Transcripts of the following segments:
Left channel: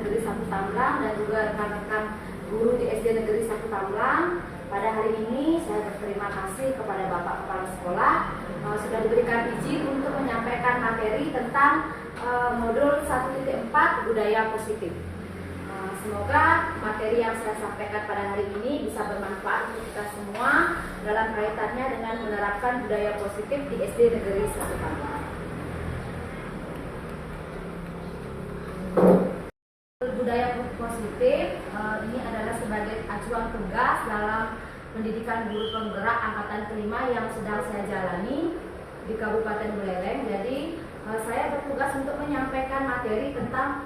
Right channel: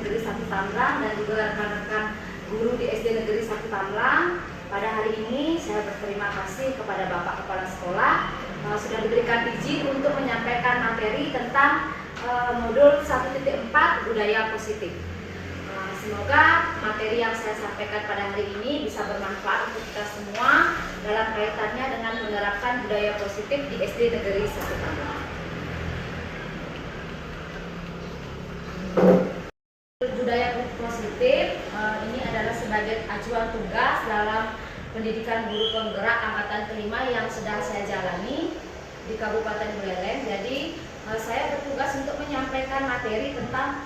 Negeri 1 Tamlang dan juga rekan-rekan guru di SD Negeri 1 Tamlang. Pada hari ini saya berterima kasih kepada Bapak Kepala Sekolah sudah diberikan izin untuk menyampaikan materi tentang modul 1.4 budaya positif. Semoga materi yang saya sampaikan pada hari ini bisa bermanfaat untuk kita semua dalam kaitannya dengan menerapkan budaya positif di SD Negeri 1 Tamlang. Budaya positif ini adalah sebagai acuan tugas dalam pendidikan guru penggerak angkatan kelima yang sedang saya jalani di Kabupaten Buleleng. Jadi saya bertugas untuk menyampaikan materi tentang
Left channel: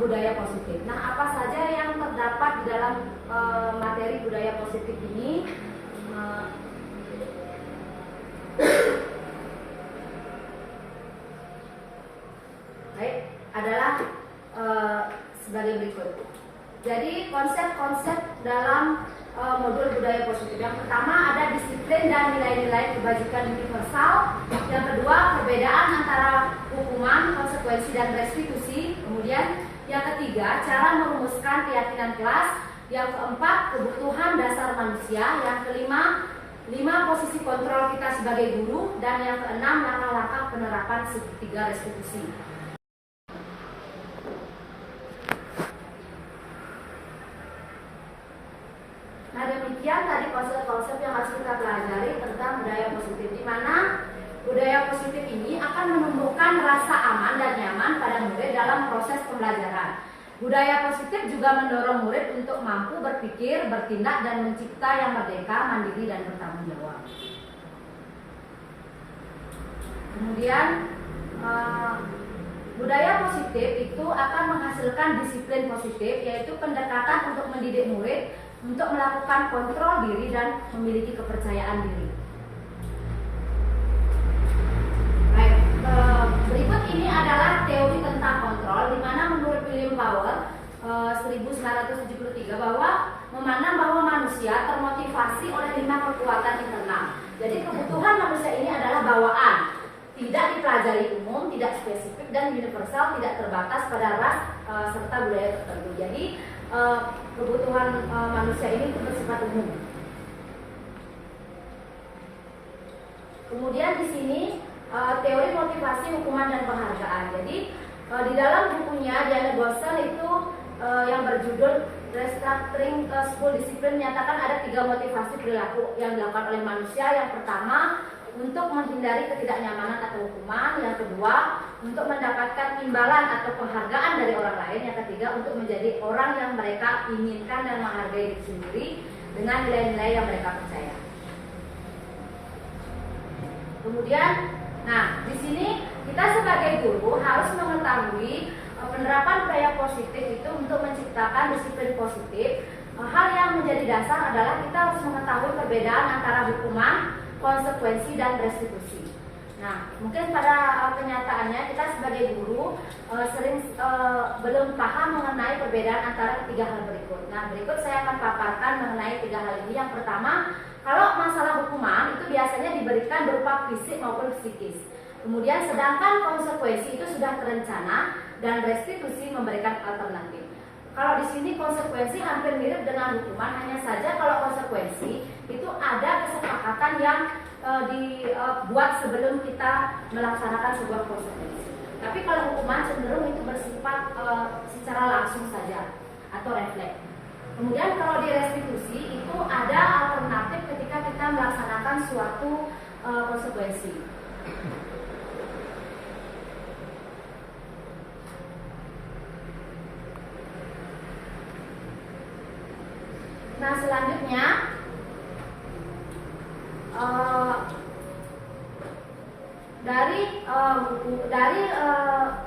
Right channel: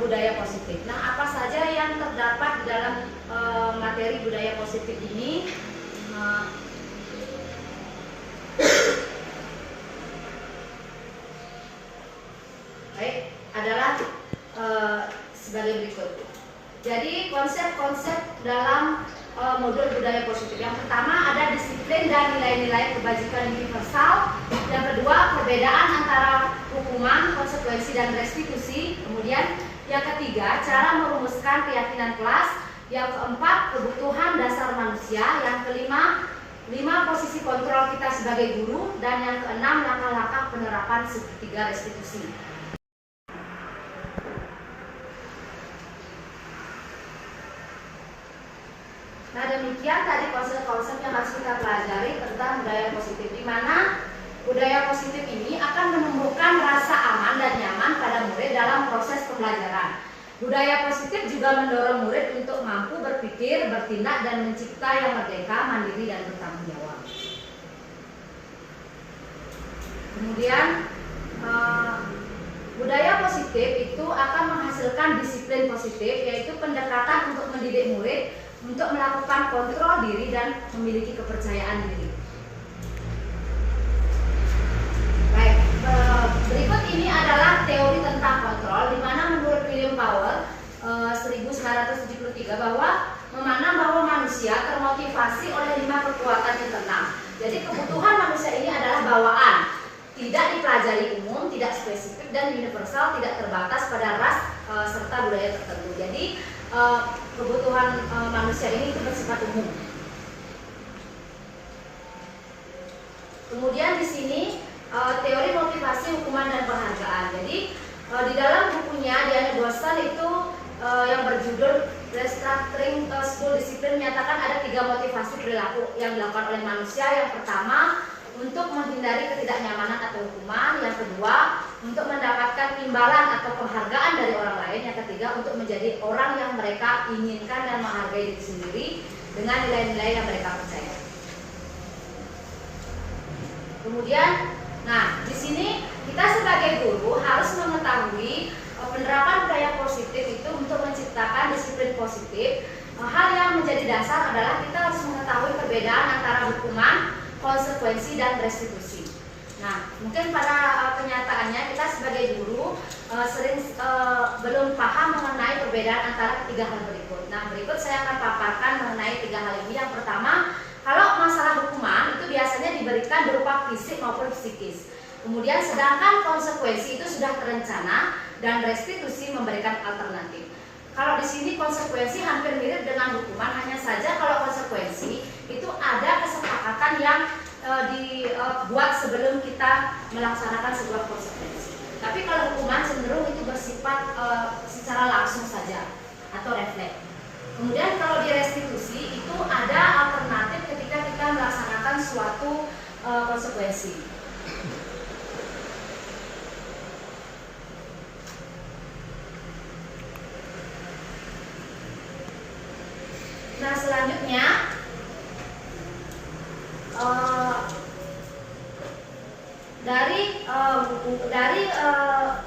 budaya positif. Nah, apa saja yang terdapat di dalam materi budaya positif ini? Baik, adalah sebagai berikut. Jadi konsep-konsep dalam modul budaya positif. Yang pertama ada disiplin dan nilai-nilai kebajikan universal. Yang kedua perbedaan antara hukuman, konsekuensi dan restitusi. Kemudian yang ketiga cara merumuskan keyakinan kelas. Yang keempat kebutuhan dasar manusia. Yang kelima 5 posisi kontrol kita sebagai guru. Dan yang keenam langkah-langkah penerapan segitiga restitusi. Nah, demikian tadi konsep-konsep yang harus kita pelajari tentang budaya positif, di mana budaya positif ini akan menumbuhkan rasa aman dan nyaman pada murid dalam proses pembelajaran. Budaya positif juga mendorong murid untuk mampu berpikir, bertindak, dan mencipta yang merdeka, mandiri, dan bertanggung jawab. Kemudian budaya positif itu akan menghasilkan disiplin positif, yaitu pendekatan untuk mendidik murid untuk melakukan kontrol diri dan memiliki kepercayaan diri. Baik, berikut ini adalah teori tentang kontrol, di mana menurut William Power 1973 bahwa memandang bahwa manusia termotivasi oleh 5 kekuatan internal. Jadi kebutuhan manusia ini adalah bawaan, tidak dipelajari umum, tidak spesifik dan universal, tidak terbatas pada ras serta budaya tertentu. Jadi kebutuhan manusia ini bersifat umum. Kemudian di sini teori motivasi, hukuman dan penghargaan. Jadi di dalam bukunya Diana Gosel itu yang berjudul Restructuring School Discipline menyatakan ada 3 motivasi perilaku yang dilakukan oleh manusia. Yang pertama untuk menghindari ketidaknyamanan atau hukuman, yang kedua untuk mendapatkan imbalan atau penghargaan dari orang lain, yang ketiga untuk menjadi orang yang mereka inginkan dan menghargai diri sendiri dengan nilai-nilai yang mereka percaya. Kemudian, nah di sini kita sebagai guru harus mengetahui penerapan budaya positif itu untuk menciptakan disiplin positif. Hal yang menjadi dasar adalah kita harus mengetahui perbedaan antara hukuman, konsekuensi dan restitusi. Nah, mungkin pada kenyataannya kita sebagai guru sering belum paham mengenai perbedaan antara ketiga hal berikut. Nah, berikut saya akan paparkan mengenai 3 hal ini. Yang pertama, kalau masalah hukuman itu biasanya diberikan berupa fisik maupun psikis. Kemudian sedangkan konsekuensi itu sudah terencana dan restitusi memberikan alternatif. Kalau di sini konsekuensi hampir mirip dengan hukuman, hanya saja kalau konsekuensi itu ada kesepakatan yang dibuat sebelum kita melaksanakan sebuah konsekuensi. Tapi kalau hukuman cenderung itu bersifat secara langsung saja atau refleks. Kemudian kalau di restitusi itu ada alternatif ketika kita melaksanakan suatu konsekuensi. Nah, selanjutnya dari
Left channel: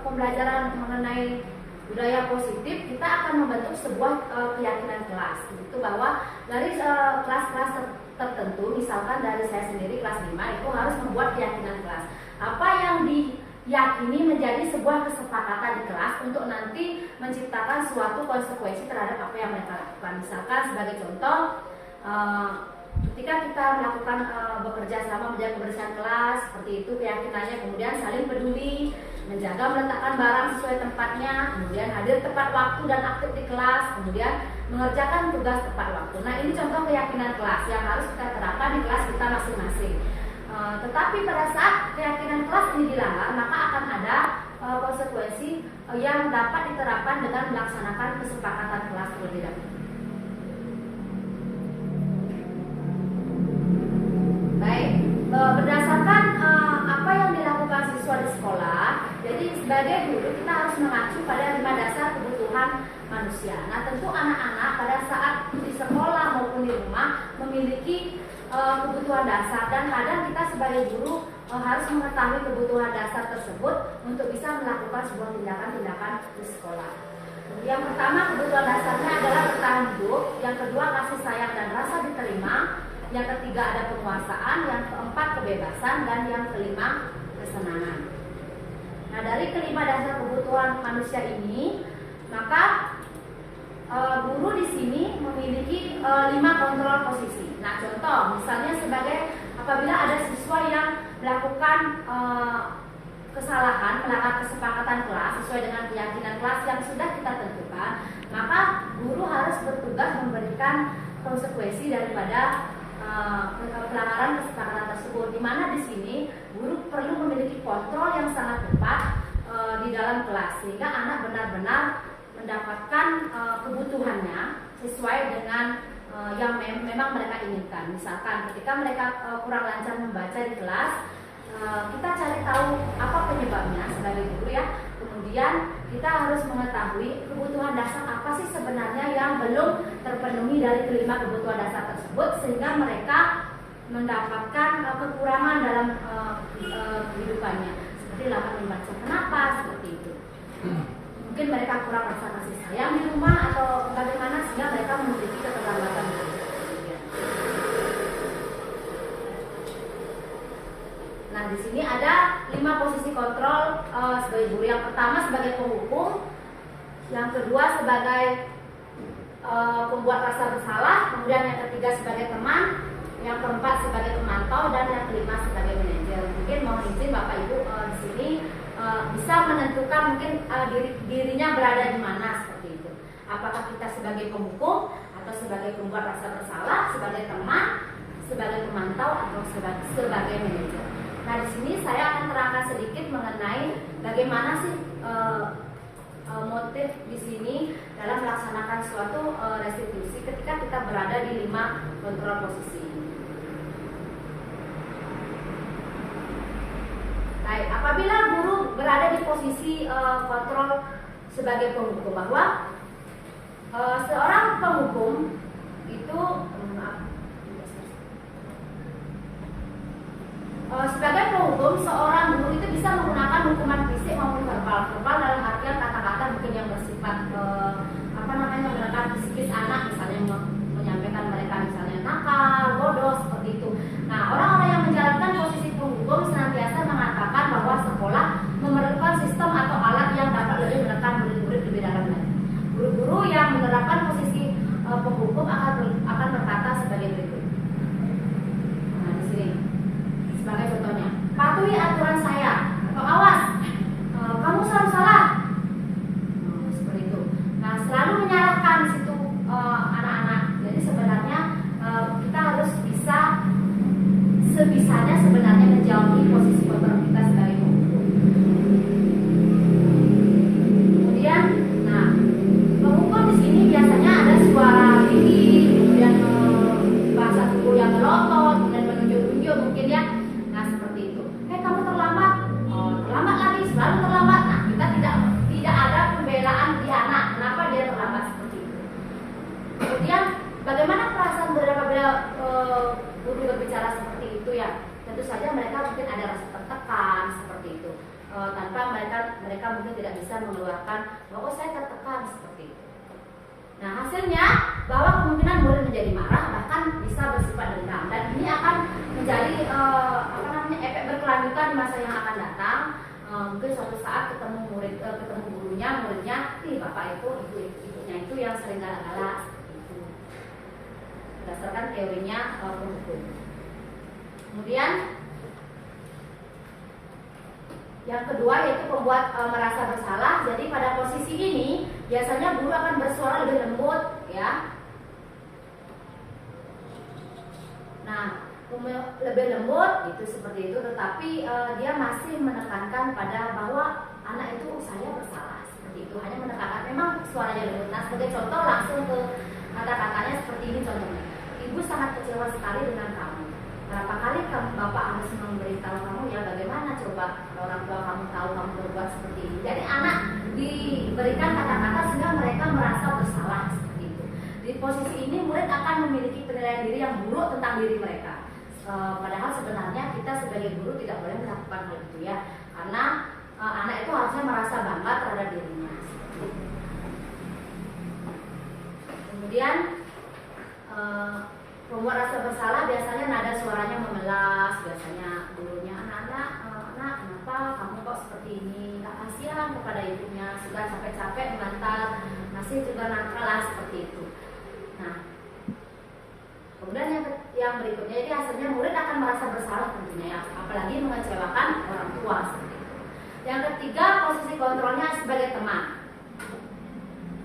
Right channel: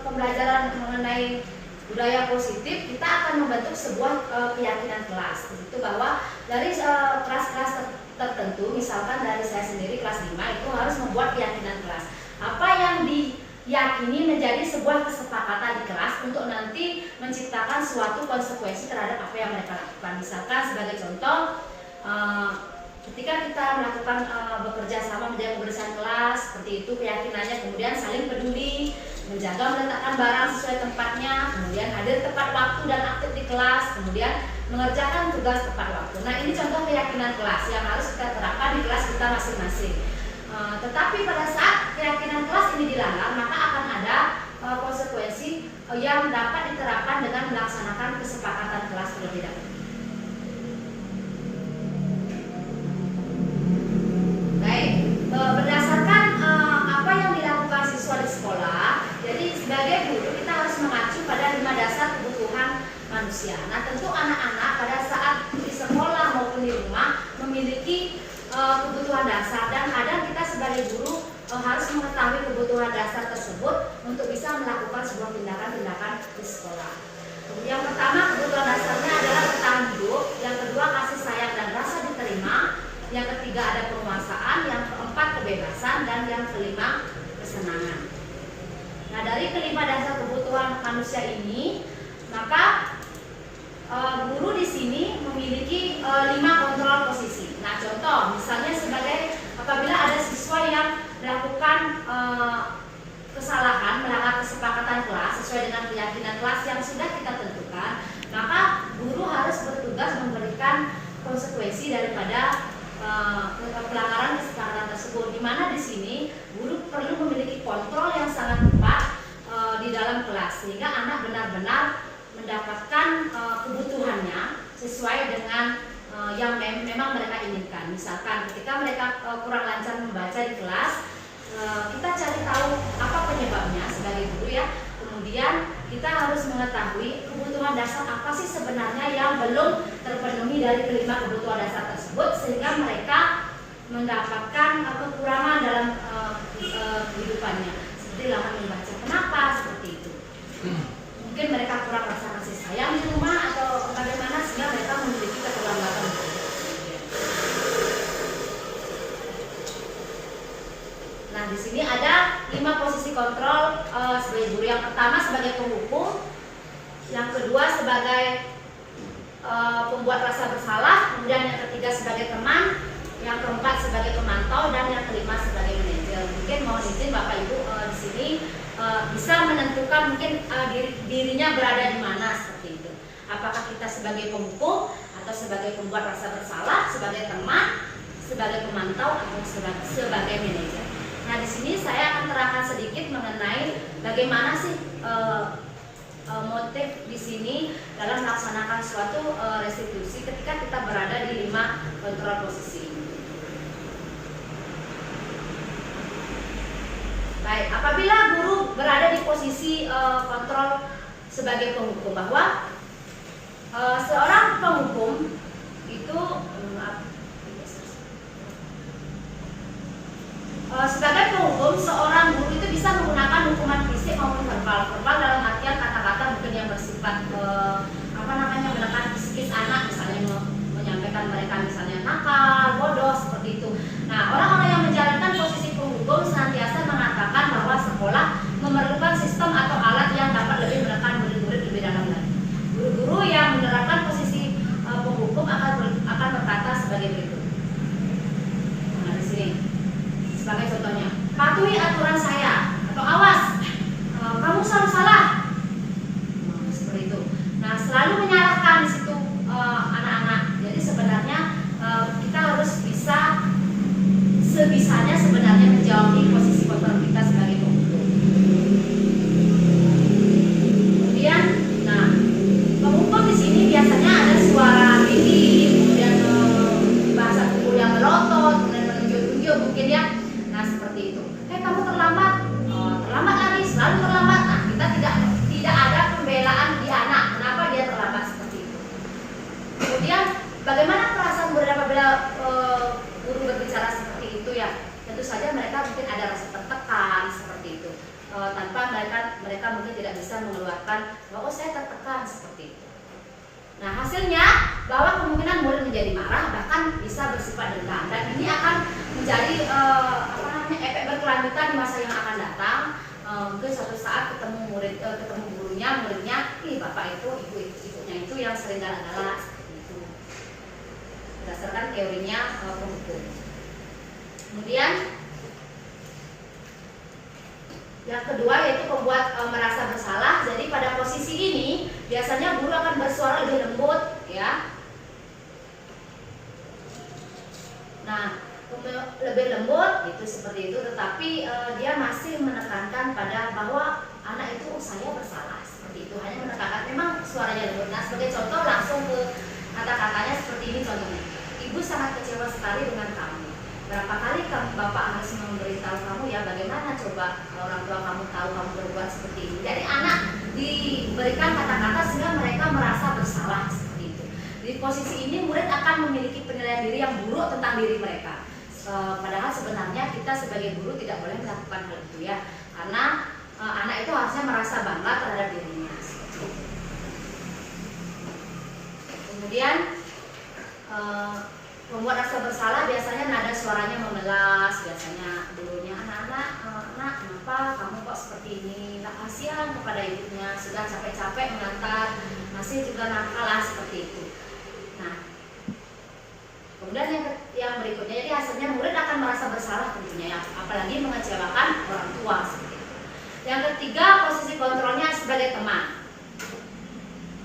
pembelajaran mengenai budaya positif kita akan membentuk sebuah keyakinan kelas, itu bahwa dari kelas-kelas tertentu, misalkan dari saya sendiri kelas 5 itu harus membuat keyakinan kelas. Apa yang diyakini menjadi sebuah kesepakatan di kelas untuk nanti menciptakan suatu konsekuensi terhadap apa yang mereka lakukan. Misalkan sebagai contoh, ketika kita melakukan bekerja sama menjaga kebersihan kelas, seperti itu keyakinannya, kemudian saling peduli, menjaga meletakkan barang sesuai tempatnya, kemudian hadir tepat waktu dan aktif di kelas, kemudian mengerjakan tugas tepat waktu. Nah, ini contoh keyakinan kelas yang harus kita terapkan di kelas kita masing-masing. Tetapi pada saat keyakinan kelas ini dilanggar, maka akan ada konsekuensi yang dapat diterapkan dengan melaksanakan kesepakatan kelas terlebih dahulu. Baik, berdasarkan apa yang dilakukan siswa di sekolah, jadi sebagai guru kita harus mengacu pada 5 dasar kebutuhan manusia. Nah, tentu anak-anak pada saat di sekolah maupun di rumah memiliki kebutuhan dasar, dan kadang kita sebagai guru harus mengetahui kebutuhan dasar tersebut untuk bisa melakukan sebuah tindakan-tindakan di sekolah. Yang pertama, kebutuhan dasarnya adalah bertahan hidup, yang kedua kasih sayang dan rasa diterima, yang ketiga ada penguasaan, yang keempat kebebasan, dan yang kelima kesenangan. Nah, dari kelima dasar kebutuhan manusia ini, maka guru di sini memiliki 5 kontrol posisi. Nah, contoh misalnya sebagai apabila ada siswa yang melakukan kesalahan, melanggar kesepakatan kelas sesuai dengan keyakinan kelas yang sudah kita tentukan, maka guru harus bertugas memberikan konsekuensi daripada pelanggaran kesepakatan tersebut. Di mana di sini guru perlu memiliki kontrol yang sangat tepat di dalam kelas sehingga anak benar-benar mendapatkan kebutuhannya sesuai dengan yang memang mereka inginkan. Misalkan ketika mereka kurang lancar membaca di kelas, kita cari tahu apa penyebabnya sebagai guru ya. Kemudian kita harus mengetahui kebutuhan dasar apa sih sebenarnya yang belum terpenuhi dari kelima kebutuhan dasar tersebut, sehingga mereka mendapatkan kekurangan dalam kehidupannya, seperti lambat membaca. Kenapa seperti itu? Mungkin mereka kurang rasa kasih sayang di rumah atau bagaimana sehingga mereka memiliki keterlambatan. Nah, di sini ada 5 posisi kontrol sebagai guru. Yang pertama sebagai penghukum, yang kedua sebagai pembuat rasa bersalah, kemudian yang ketiga sebagai teman, yang keempat sebagai pemantau, dan yang kelima sebagai manajer. Mungkin mohon izin Bapak Ibu di sini bisa menentukan mungkin dirinya berada di mana seperti itu. Apakah kita sebagai penghukum atau sebagai pembuat rasa bersalah, sebagai teman, sebagai pemantau, atau sebagai manajer. Nah, di sini saya akan terangkan sedikit mengenai bagaimana sih motif di sini dalam melaksanakan suatu restitusi ketika kita berada di 5 kontrol posisi. Baik, apabila guru berada di posisi kontrol sebagai penghukum, bahwa seorang penghukum itu sebagai penghukum, seorang guru itu bisa menggunakan hukuman fisik maupun verbal. Verbal dalam artian kata-kata mungkin yang bersifat menekan psikis anak, misalnya menyampaikan mereka misalnya nakal, bodoh, seperti itu. Nah, orang-orang yang menjalankan posisi penghukum senantiasa mengatakan bahwa sekolah memerlukan sistem atau alat yang dapat lebih menekan murid-murid lebih dalam lagi. Guru-guru yang menerapkan posisi penghukum akan berkata sebagai berikut. Nah, di sini sebagai contohnya, patuhi aturan saya, atau awas, kamu selalu salah, seperti itu. Nah, selalu menyalahkan di situ anak-anak. Jadi sebenarnya kita harus bisa sebisanya sebenarnya menjauhi posisi kontrol kita sebagai penghukum. Kemudian, nah, penghukum di sini biasanya ada suara tinggi, kemudian bahasa tubuh yang melotot, kemudian menunjuk-nunjuk mungkin ya. Nah, seperti itu. Kamu terlambat, terlambat lagi, selalu terlambat. Nah, kita tidak ada pembelaan di anak. Kenapa dia terlambat seperti itu? Kemudian, bagaimana perasaan guru apabila guru berbicara seperti itu ya? Tentu saja mereka mungkin ada rasa tertekan seperti itu. Tanpa mereka mungkin tidak bisa mengeluarkan bahwa saya tertekan seperti itu. Nah, hasilnya bahwa kemungkinan murid menjadi marah, bahkan bisa bersifat dendam, dan ini akan menjadi efek berkelanjutan di masa yang akan datang. Mungkin suatu saat ketemu muridnya, bapak itu, ibunya itu yang sering galak-galak seperti itu. Berdasarkan teorinya penghukum. Kemudian Yang kedua yaitu membuat merasa bersalah. Jadi pada posisi ini biasanya guru akan bersuara lebih lembut, ya. Nah, lebih lembut itu seperti itu, tetapi dia masih menekankan pada bahwa anak itu saya bersalah, seperti itu. Hanya menekankan, memang suaranya lembut. Nah, sebagai contoh langsung ke kata-katanya seperti ini contohnya. Ibu sangat kecewa sekali dengan kamu. Berapa kali bapak harus memberitahu kamu, ya, bagaimana coba orang tua kamu tahu kamu berbuat seperti ini. Jadi anak diberikan kata-kata sehingga mereka merasa bersalah, seperti itu. Di posisi ini murid akan memiliki penilaian diri yang buruk tentang diri mereka. Padahal sebenarnya kita sebagai guru tidak boleh melakukan hal itu, ya, karena anak itu harusnya merasa bangga terhadap dirinya. Kemudian membuat rasa bersalah biasanya nada suaranya memelas, biasanya dulunya anak-anak, nak kenapa kamu kok seperti ini, nggak kasihan kepada ibunya, sudah capek-capek mengantar, masih juga nakal, seperti itu. Nah, kemudian yang berikutnya, jadi hasilnya murid akan merasa bersalah tentunya, ya, apalagi mengecewakan orang tua, seperti itu. Yang ketiga, posisi kontrolnya sebagai teman.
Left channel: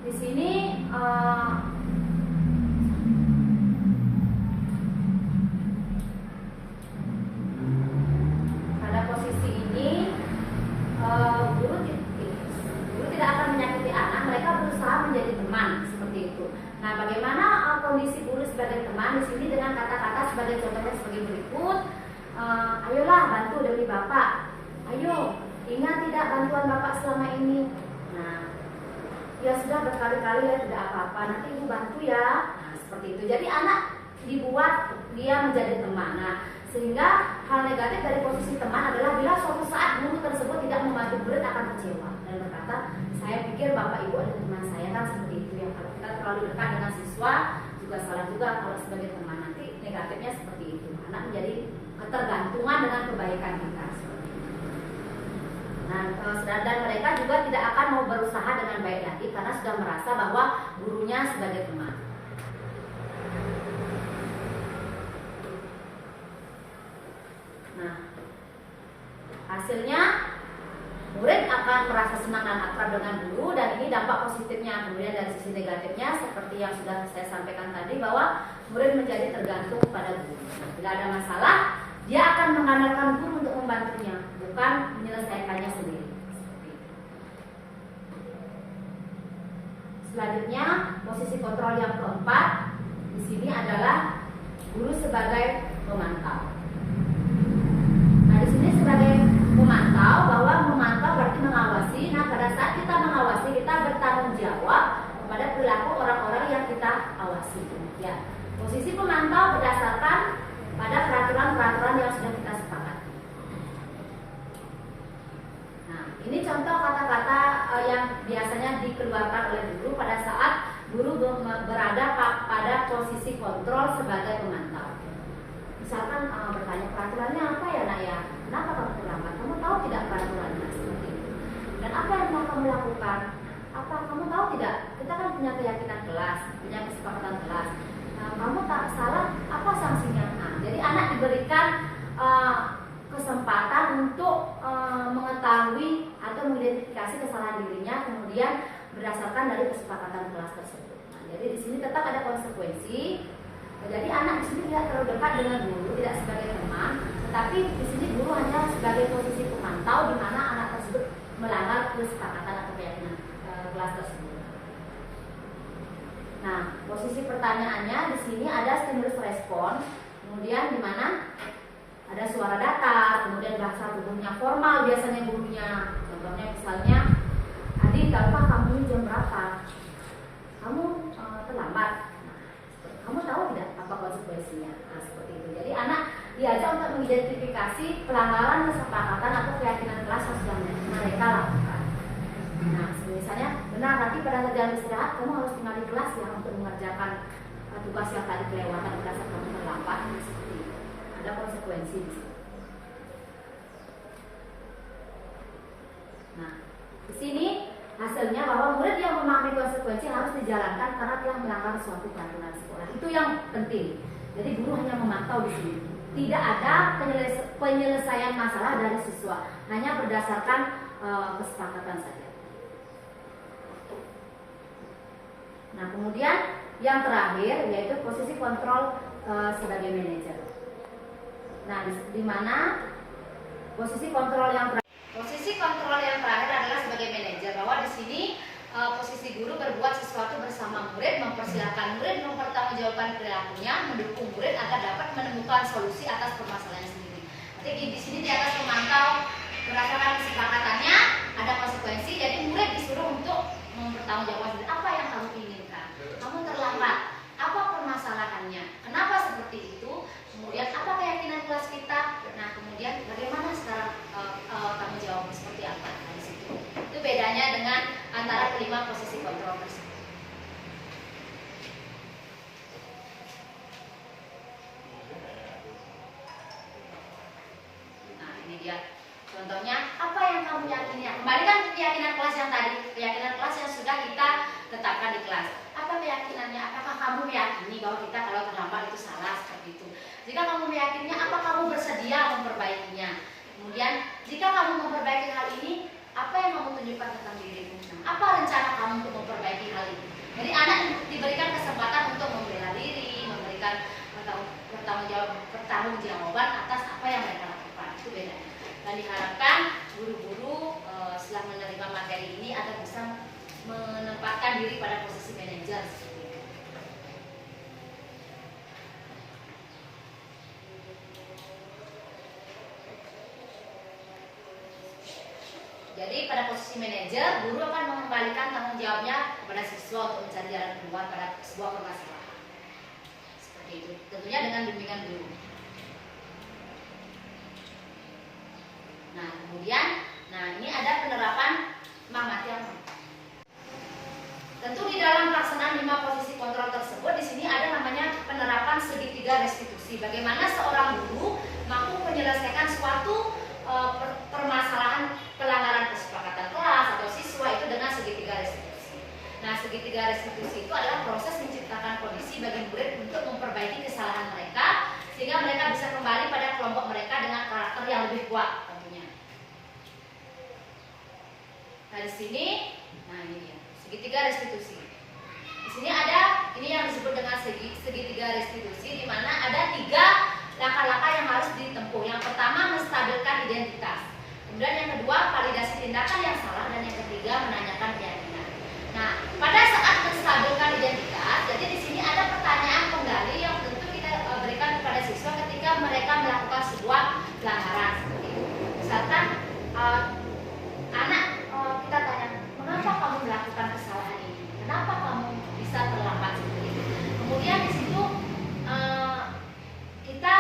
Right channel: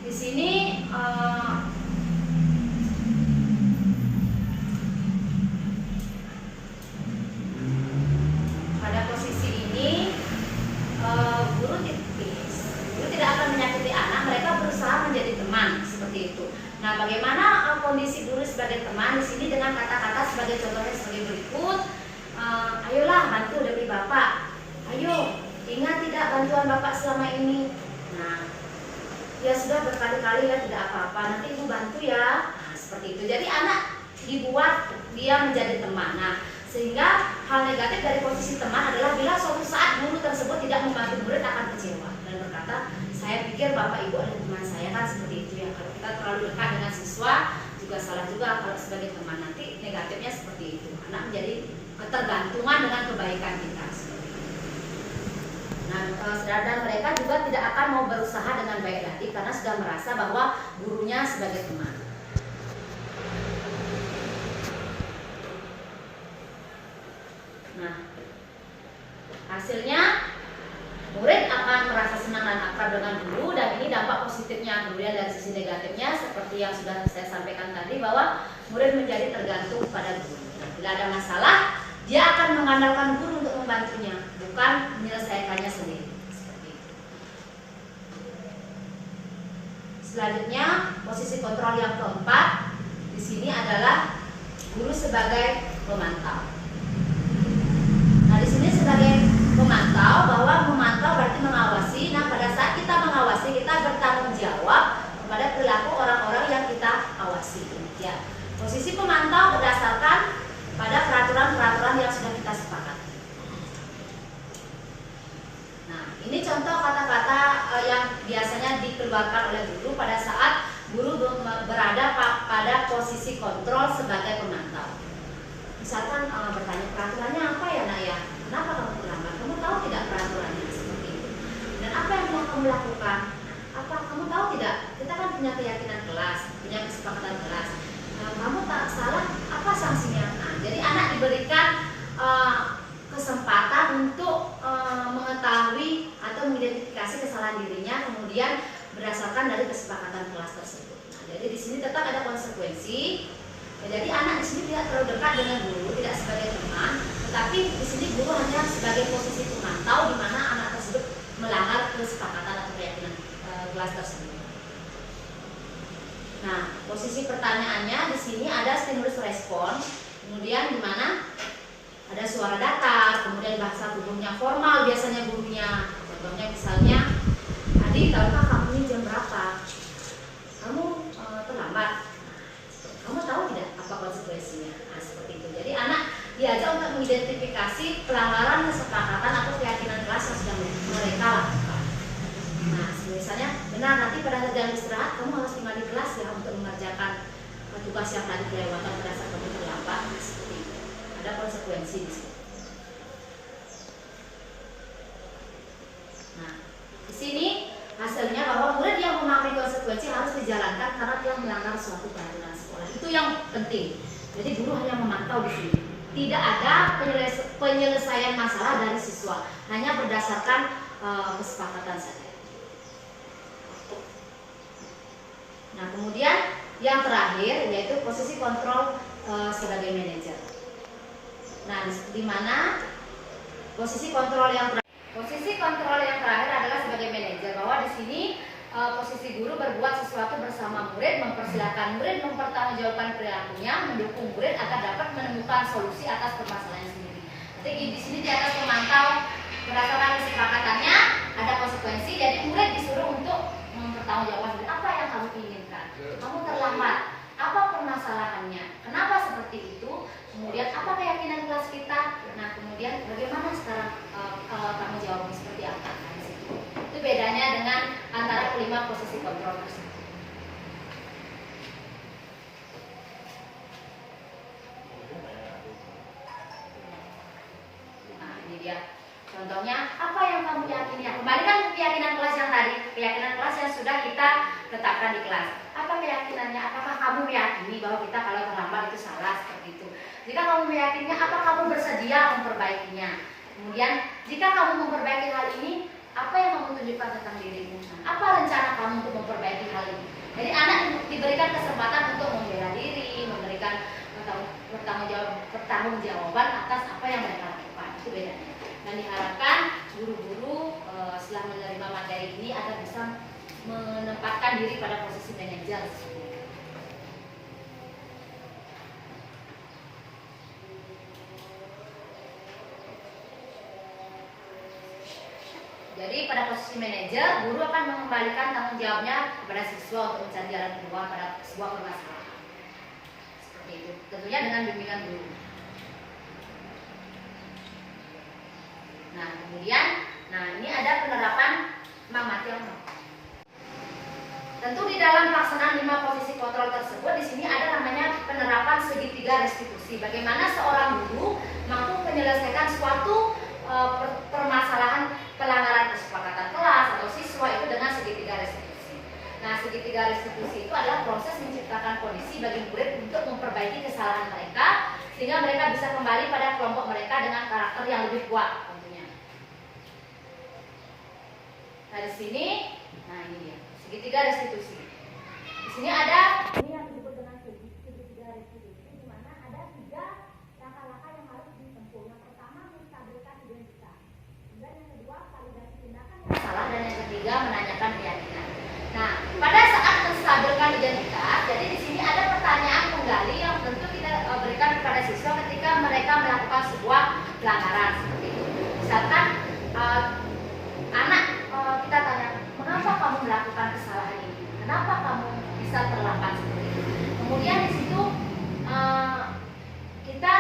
Di sini pada posisi ini guru tidak akan menyakiti anak, mereka berusaha menjadi teman, seperti itu. Nah, bagaimana kondisi guru sebagai teman di sini dengan kata-kata sebagai contohnya sebagai berikut. Ayolah bantu demi bapak. Ayo, ingat tidak bantuan bapak selama ini. Nah, ya sudah berkali-kali, ya, tidak apa-apa, nanti ibu bantu, ya. Nah, seperti itu. Jadi anak dibuat dia menjadi teman. Nah, sehingga hal negatif dari posisi teman adalah bila suatu saat guru tersebut tidak membantu murid akan kecewa dan berkata, saya pikir bapak ibu adalah teman saya, kan, seperti itu, ya. Kalau kita terlalu dekat dengan siswa juga salah juga kalau sebagai teman, nanti negatifnya seperti itu. Anak menjadi ketergantungan dengan kebaikan kita. Nah, dan mereka juga tidak akan mau berusaha dengan baik lagi karena sudah merasa bahwa gurunya sebagai teman. Nah, hasilnya murid akan merasa senang dan akrab dengan guru, dan ini dampak positifnya. Kemudian dari sisi negatifnya seperti yang sudah saya sampaikan tadi, bahwa murid menjadi tergantung pada guru. Nah, bila ada masalah, dia akan mengandalkan guru untuk membantunya, bukan menyelesaikannya sendiri. Seperti itu. Selanjutnya, posisi kontrol yang keempat di sini adalah guru sebagai pemantau. Nah, di sini sebagai pemantau, bahwa memantau berarti mengawasi. Nah, pada saat kita mengawasi, kita bertanggung jawab kepada perilaku orang-orang yang kita awasi. Ya, posisi pemantau berdasarkan pada peraturan-peraturan yang sudah kita sepakati. Nah, ini contoh kata-kata yang biasanya dikeluarkan oleh guru pada saat guru berada pada posisi kontrol sebagai pemantau. Misalkan bertanya, peraturannya apa ya, nak, ya? Kenapa kamu terlambat? Kamu tahu tidak peraturannya? Seperti itu. Dan apa yang telah kamu lakukan? Apa kamu tahu tidak? Kita kan punya keyakinan kelas, punya kesepakatan kelas. Kamu tak salah, apa sanksinya? Nah, jadi anak diberikan kesempatan untuk mengetahui atau mengidentifikasi kesalahan dirinya, kemudian berdasarkan dari kesepakatan kelas tersebut. Nah, jadi di sini tetap ada konsekuensi. Ya, jadi anak di sini tidak terlalu dekat dengan guru, tidak sebagai teman, tetapi di sini guru hanya sebagai posisi pemantau, di mana anak tersebut melanggar kesepakatan atau keyakinan kelas tersebut. Nah, posisi pertanyaannya di sini ada stimulus respon, kemudian di mana ada suara datar, kemudian bahasa tubuhnya formal, biasanya gurunya. Contohnya misalnya, Adi, tahukah kamu ini jam berapa? Kamu terlambat. Kamu tahu tidak apa konsekuensinya? Nah, seperti itu. Jadi anak diajak untuk mengidentifikasi pelanggaran kesepakatan atau keyakinan kelas yang sudah mereka lakukan. Nah, misalnya, benar nanti pada jam istirahat kamu harus tinggal di kelas, ya, untuk mengerjakan tugas yang tadi kelewatan pada saat kamu terlambat. Seperti itu. Ada konsekuensi di situ. Nah, di sini hasilnya bahwa murid yang memahami konsekuensi harus dijalankan karena dia melanggar suatu peraturan sekolah. Itu yang penting. Jadi guru hanya memantau di sini. tidak ada penyelesaian masalah dari siswa, hanya berdasarkan kesepakatan saja. Nah, kemudian yang terakhir yaitu posisi kontrol sebagai manajer. Nah, di mana posisi kontrol yang terakhir adalah sebagai manajer, bahwa di sini posisi guru berbuat sesuatu bersama murid, mempersilahkan murid mempertanggungjawabkan perilakunya, mendukung murid agar dapat menemukan solusi atas permasalahan sendiri. Jadi di sini di atas memantau berdasarkan kesepakatannya, ada konsekuensi. Jadi murid disuruh untuk mempertanggungjawabkan apa yang kamu inginkan. Kamu terlambat, apa permasalahannya? Kenapa seperti itu? Kemudian apa keyakinan kelas kita? Nah, kemudian bagaimana sekarang kamu jawab seperti apa? Nah, di situ. Itu bedanya dengan antara kelima posisi kontrol tersebut. Nah, ini dia. Contohnya, apa yang kamu yakini? Kembali kan keyakinan kelas yang tadi, keyakinan kelas yang sudah kita tetapkan di kelas. Apa keyakinannya? Apakah kamu meyakini bahwa kita kalau terlambat itu salah seperti itu? Jika kamu meyakininya, apa kamu bersedia memperbaikinya? Kemudian, jika kamu memperbaiki hal ini, apa yang kamu tunjukkan tentang dirimu? Nah, apa rencana kamu untuk memperbaiki hal ini? Jadi anak diberikan kesempatan untuk membela diri, memberikan pertanggungjawaban atas apa yang mereka lakukan. Itu bedanya. Dan diharapkan guru-guru setelah menerima materi ini agar bisa menempatkan diri pada posisi manajer. Jadi pada posisi manajer, guru akan mengembalikan tanggung jawabnya kepada siswa untuk mencari jalan keluar pada sebuah permasalahan. Seperti itu. Tentunya dengan bimbingan guru. Nah, kemudian, ini ada penerapan Mahmatiano. Tentu di dalam pelaksanaan 5 posisi kontrol tersebut, di sini ada namanya penerapan segitiga restitusi. Bagaimana seorang guru mampu menyelesaikan suatu permasalahan pelanggaran kesepakatan kelas atau siswa itu dengan segitiga restitusi. Nah, segitiga restitusi itu adalah proses menciptakan kondisi bagi murid untuk memperbaiki kesalahan mereka sehingga mereka bisa kembali pada kelompok mereka dengan karakter yang lebih kuat tentunya. Nah, di sini, ini dia, segitiga restitusi. Di sini ada ini yang disebut dengan segitiga restitusi, di mana ada 3 langkah-langkah yang harus ditempuh. Yang pertama, menstabilkan identitas. Kemudian yang kedua, validasi tindakan yang salah, dan yang ketiga, menanyakan keyakinan. Nah, pada saat menstabilkan identitas, jadi di sini ada pertanyaan penggali yang tentu kita berikan kepada siswa ketika mereka melakukan sebuah pelanggaran seperti itu. Misalkan anak kita tanya, mengapa kamu melakukan kesalahan ini? Kenapa kamu bisa terlambat seperti itu? Kemudian di situ kita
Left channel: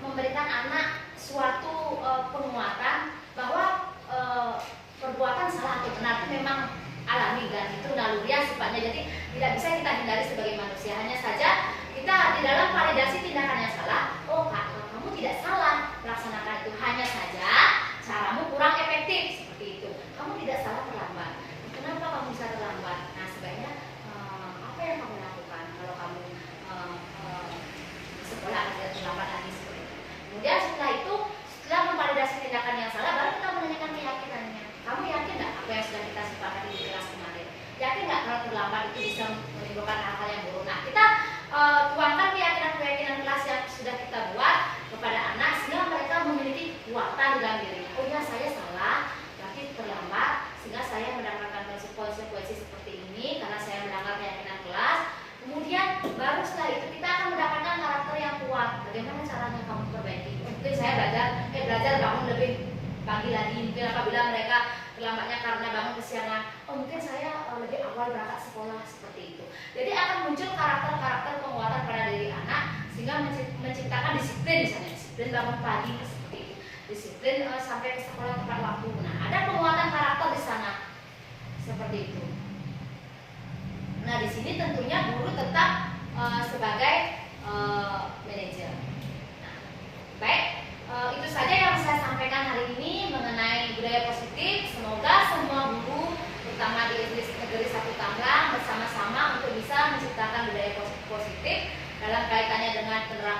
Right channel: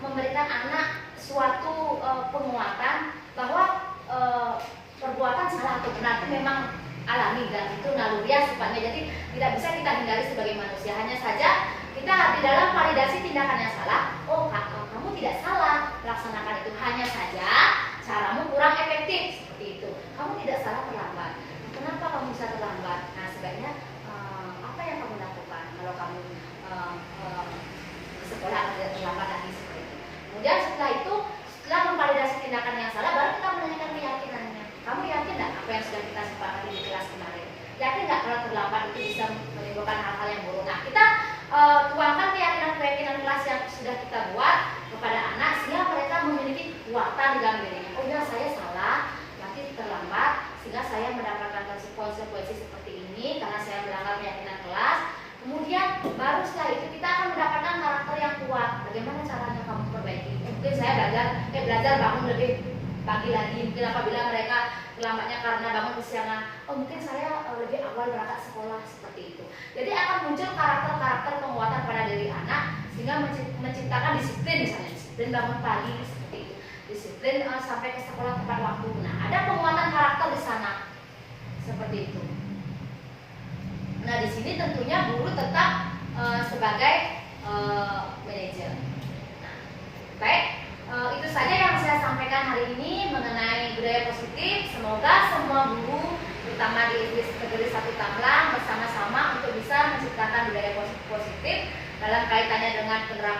memberikan anak suatu penguatan bahwa perbuatan salah atau benar itu memang alami dan itu naluriah sifatnya, jadi tidak bisa kita hindari sebagai manusia. Hanya saja kita di dalam validasi tindakan yang salah, kamu tidak salah melaksanakan itu, hanya saja caramu kurang efektif seperti itu. Kamu tidak salah terlambat. Kenapa kamu bisa terlambat? Nah, sebaiknya apa yang kamu lakukan kalau kamu sekolah agar terlambat lagi seperti itu. Kemudian setelah itu, setelah memvalidasi tindakan yang salah, baru kita menanyakan keyakinannya. Kamu yakin nggak apa yang sudah kita sepakati di kelas kemarin? Yakin nggak kalau terlambat itu bisa menimbulkan hal-hal yang buruk? Nah, kita tuangkan keyakinan kelas yang sudah kita buat kepada anak sehingga mereka memiliki kekuatan dalam dirinya. Oh ya, saya salah, berarti terlambat, sehingga saya mendapatkan konsekuensi seperti ini karena saya melanggar keyakinan kelas. Kemudian baru setelah itu kita akan mendapatkan karakter yang kuat. Bagaimana caranya kamu perbaiki? Mungkin saya belajar bangun lebih pagi lagi. Mungkin apabila mereka terlambatnya karena bangun kesiangan, mungkin saya lebih awal berangkat sekolah seperti itu. Jadi akan muncul karakter-karakter penguatan pada diri anak sehingga menciptakan disiplin, misalnya disiplin bangun pagi seperti itu, disiplin sampai ke sekolah tepat waktu. Nah, ada penguatan karakter di sana seperti itu. Nah, di sini tentunya guru tetap sebagai manajer. Nah, baik, itu saja yang saya sampaikan hari ini mengenai budaya positif. Semoga semua guru, terutama di Negeri 1 Tamlang, bersama-sama untuk bisa menciptakan budaya positif dalam kaitannya dengan penerapan